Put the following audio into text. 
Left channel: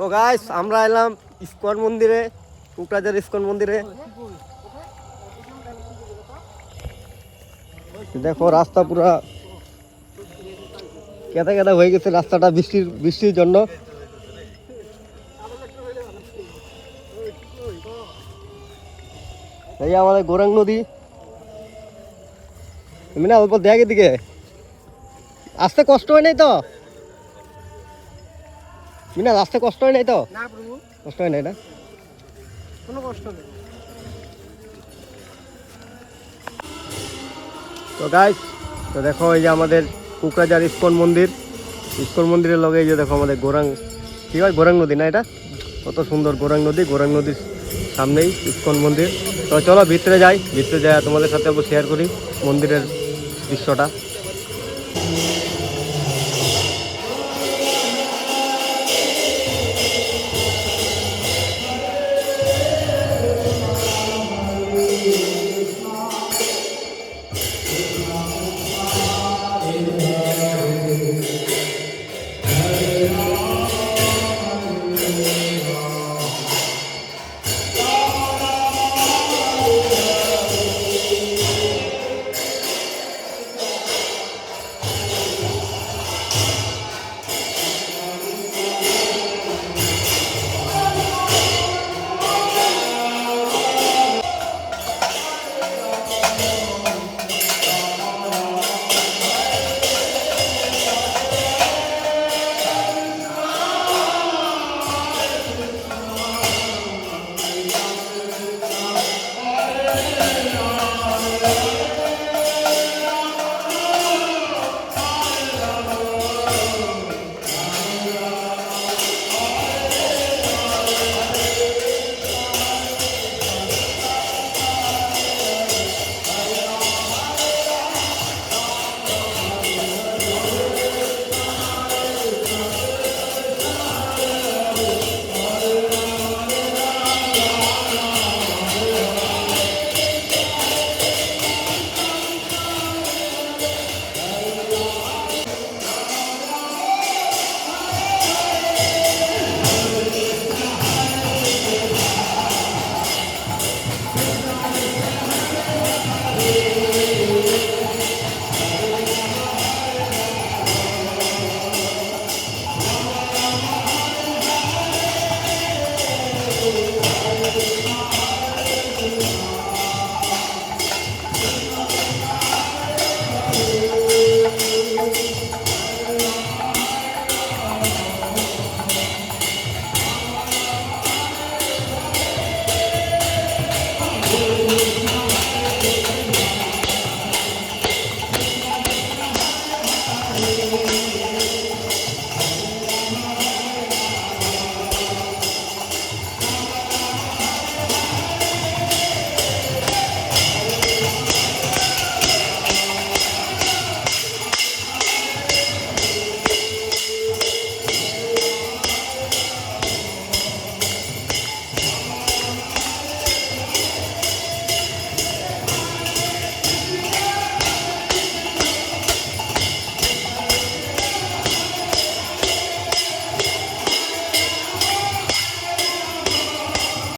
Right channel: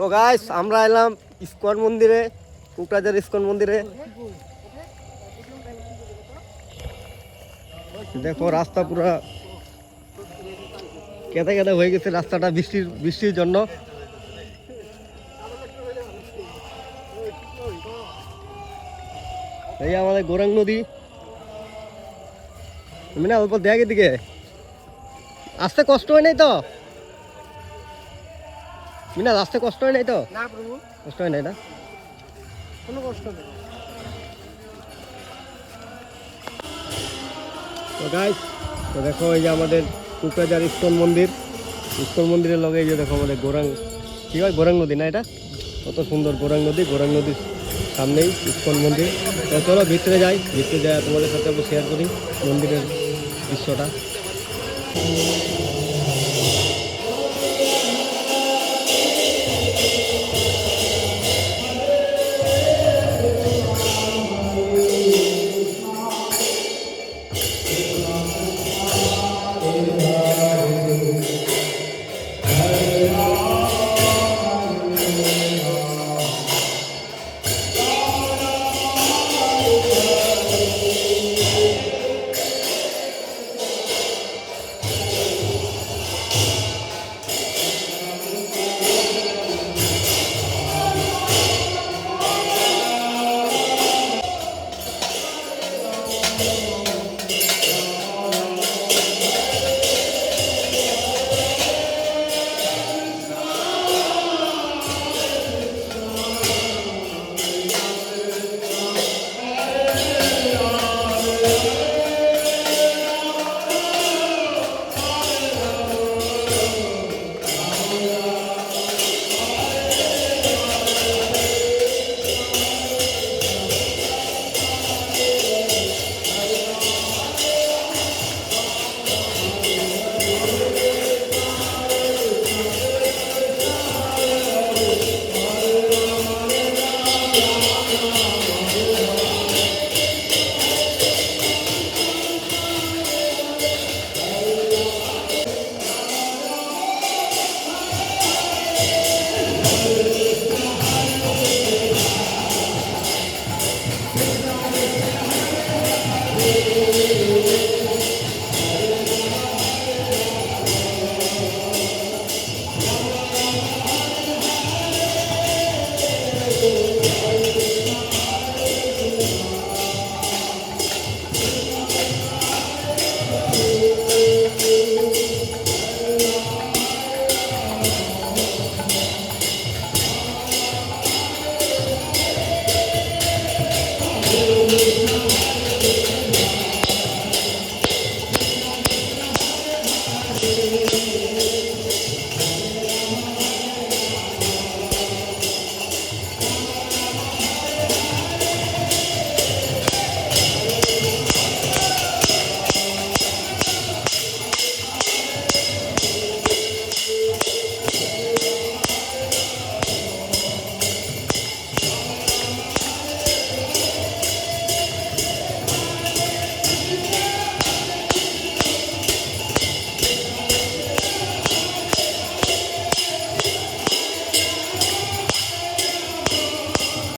তো গাইস আমরা এলাম ইস্কন মন্দিরে, কোকরাঝার ইস্কন মন্দিরে। দেখো রাস্তা পুরা কেদা কেদা হয়ে গেছে রাস্তাটা বৃষ্টির জন্য। এই আমাদের গৌরাঙ্গ নদী, না অল্প দেখ এদিকে আসতে কষ্ট হয় নাই তো, মিনা আসতে কষ্ট হয় নাই তো? না প্রভু, কষ্ট হয় নাই না, কোনো কষ্ট নেই। তো গাইস তো দেখো এই যে আমাদের কোকরাঝার ইস্কন মন্দির, ইস্কন মন্দিরের লগে এই যে দেখো আমাদের কি হয় গৌরাঙ্গ নদী না, এটা কত সুন্দর গৌরাঙ্গ নদীর সামনেই ইস্কন মন্দির। তো চলো ভিতরে যাই, তোমাদের সাথে শেয়ার করি মন্দিরের দৃশ্যটা।